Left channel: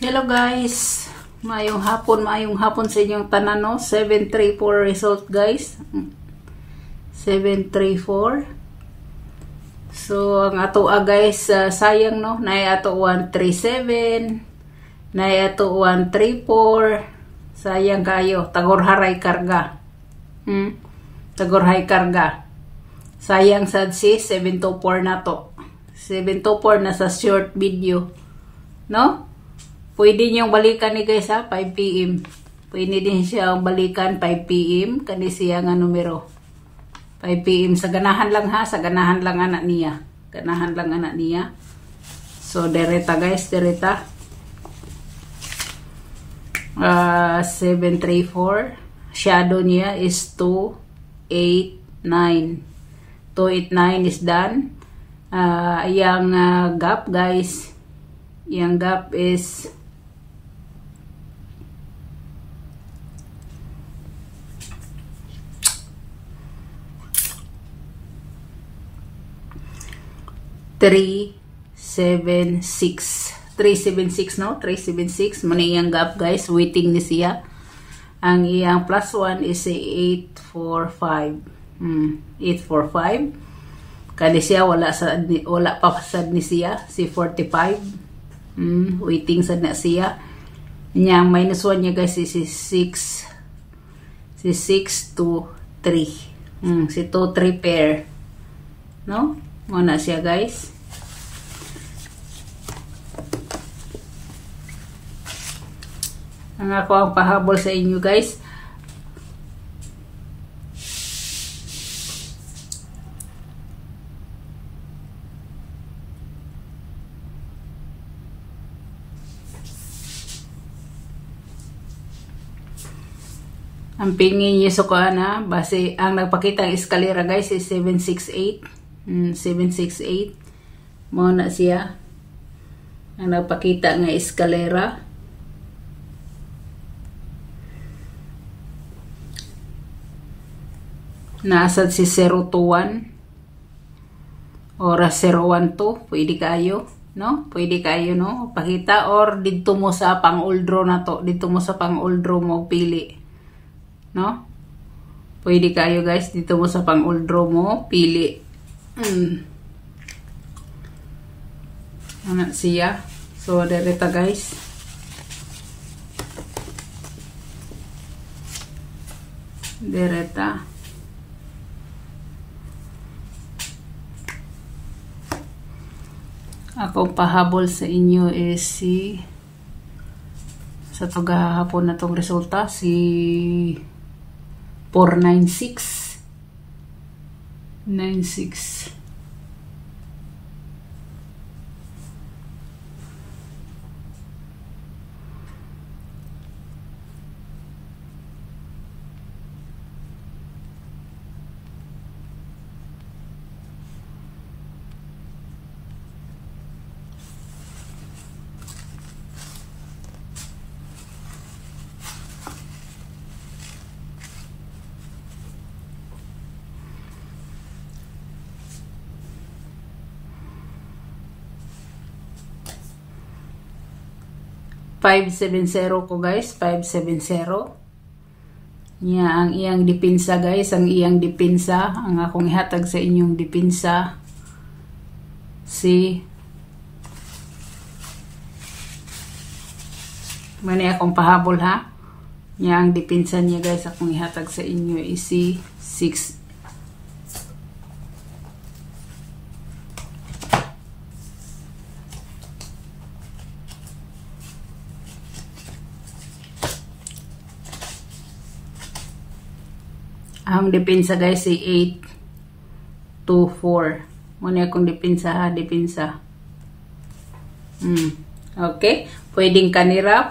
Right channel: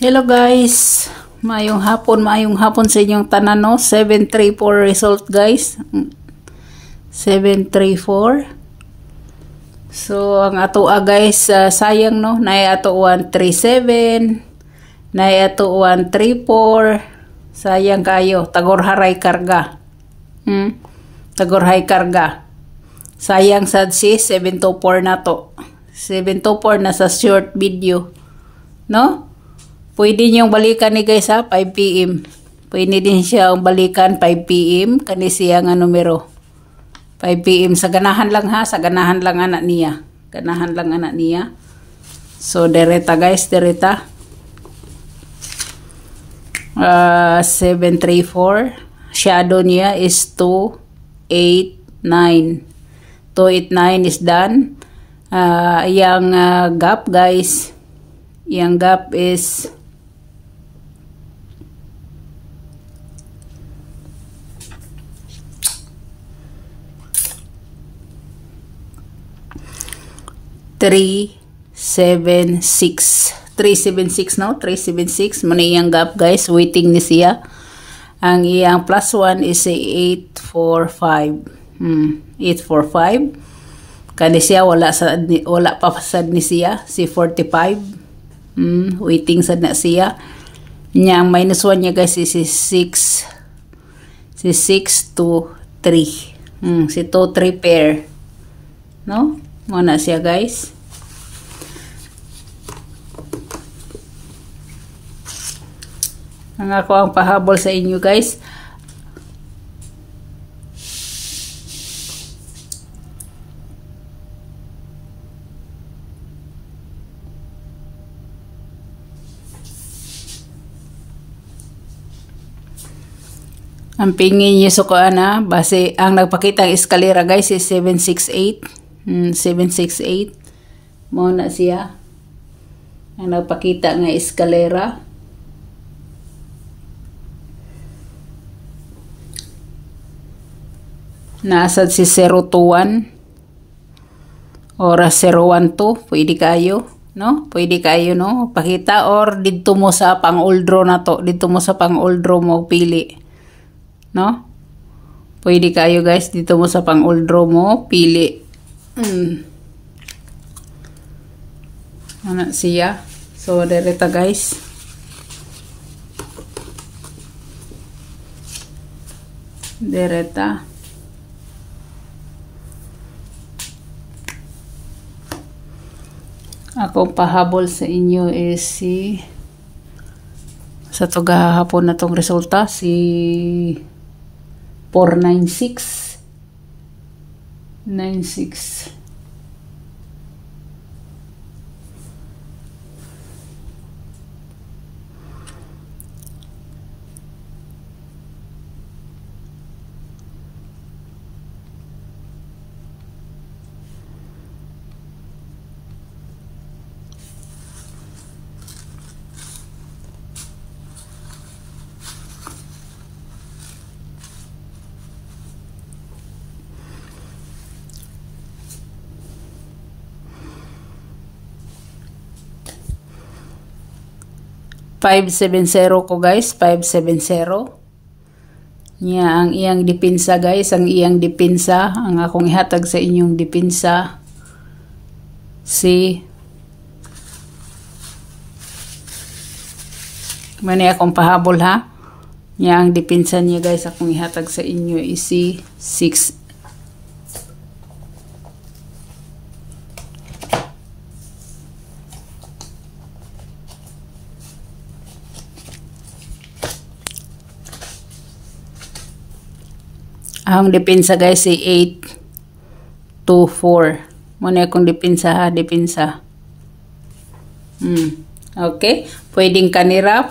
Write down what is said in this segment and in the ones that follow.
Hello guys, maayong hapon sa inyong tanan no. 734 result guys. 734. So ang ato guys, sayang no, nay ato 137, nay ato 134. Sayang kayo, tagorharay karga. Tagorhay karga. Sayang sad si 724 na to. 724 na sa short video. No? Pwede niyong balikan ni guys ha, 5 PM. Pwede din siya balikan 5 PM. Kani siya nga numero. 5 PM. Sa ganahan lang ha. Sa ganahan lang anak niya. Ganahan lang anak niya. So, dereta guys. Dereta. 734. Shadow niya is 289. 289 is done. Yang gap guys. Yang gap is 376. 376 no? 376. Muna iyang gap guys. Waiting ni siya. Ang iyang plus 1 is 845. 845. Kani siya wala pa sad ni siya. Si 45. Waiting sad na siya. Nya minus 1 niya guys is 6. Si 6 to 3. Si 2 3 pair. No? Muna siya guys. Ang ako ang pahabol sa inyo guys. Ang pingin niyo sa kuana, base ang nagpakita ang eskalera guys is 768. 768. Mao na siya. Ang nagpakita nga eskalera. Naasad si 021 or 012. Pwede kayo. No? Pwede kayo no? Pakita or dito mo sa pang-oldro na to. Dito mo sa pang-oldro mo pili. No? Pwede kayo guys. Dito mo sa pang-oldro mo pili. Ano siya? So, dereta guys. Dereta. Akong pahabol sa inyo is si sa to gahapon na tong resulta si 496 96. $570 ko guys, 570. Nya ang iyang depensa guys, ang iyang depensa, ang akong ihatag sa inyong depensa si mani akong pahabol ha. Nya ang depensa niya guys, akong ihatag sa inyo is si 6. Ang depensa guys ay 824. Muna akong depensa ha, depensa. Okay. Pwedeng kanira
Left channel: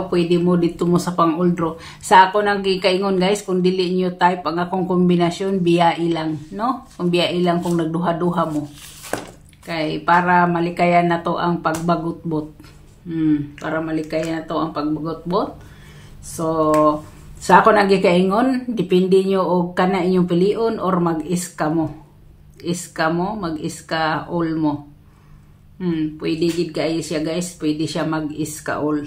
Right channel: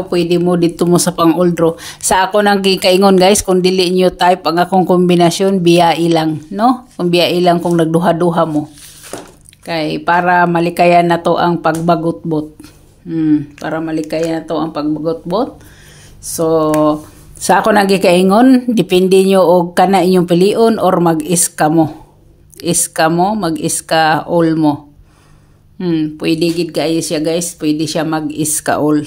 o pwede mo dito mo sa pang-oldro. Sa ako nang gikaingon guys, kung dili nyo type ang akong kombinasyon, biya ilang, no? Kung biya ilang kung nagduha-duha mo. Kay para malikayan na to ang pagbagot-bot. Para malikayan na to ang pagbagot-bot. So, sa ako nagikaingon, depende nyo o kana inyong pilion or mag-iska mo. Iska mo, mag-iska all mo. Pwede gid kayo siya guys, pwede siya mag-iskaol.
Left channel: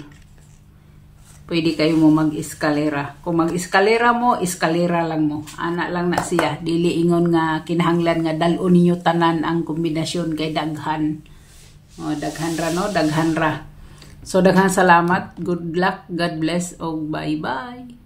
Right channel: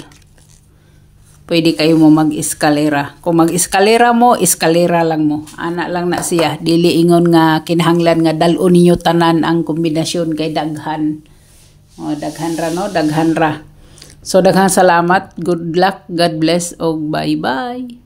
Pwede kayo mo mag-eskalera. Kung mag-eskalera mo, eskalera lang mo. Ana lang na siya. Dili ingon nga kinahanglan nga dal-o ninyo tanan ang kombinasyon kay daghan. O, daghan ra no, daghan ra. So daghang salamat. Good luck, God bless, og bye-bye.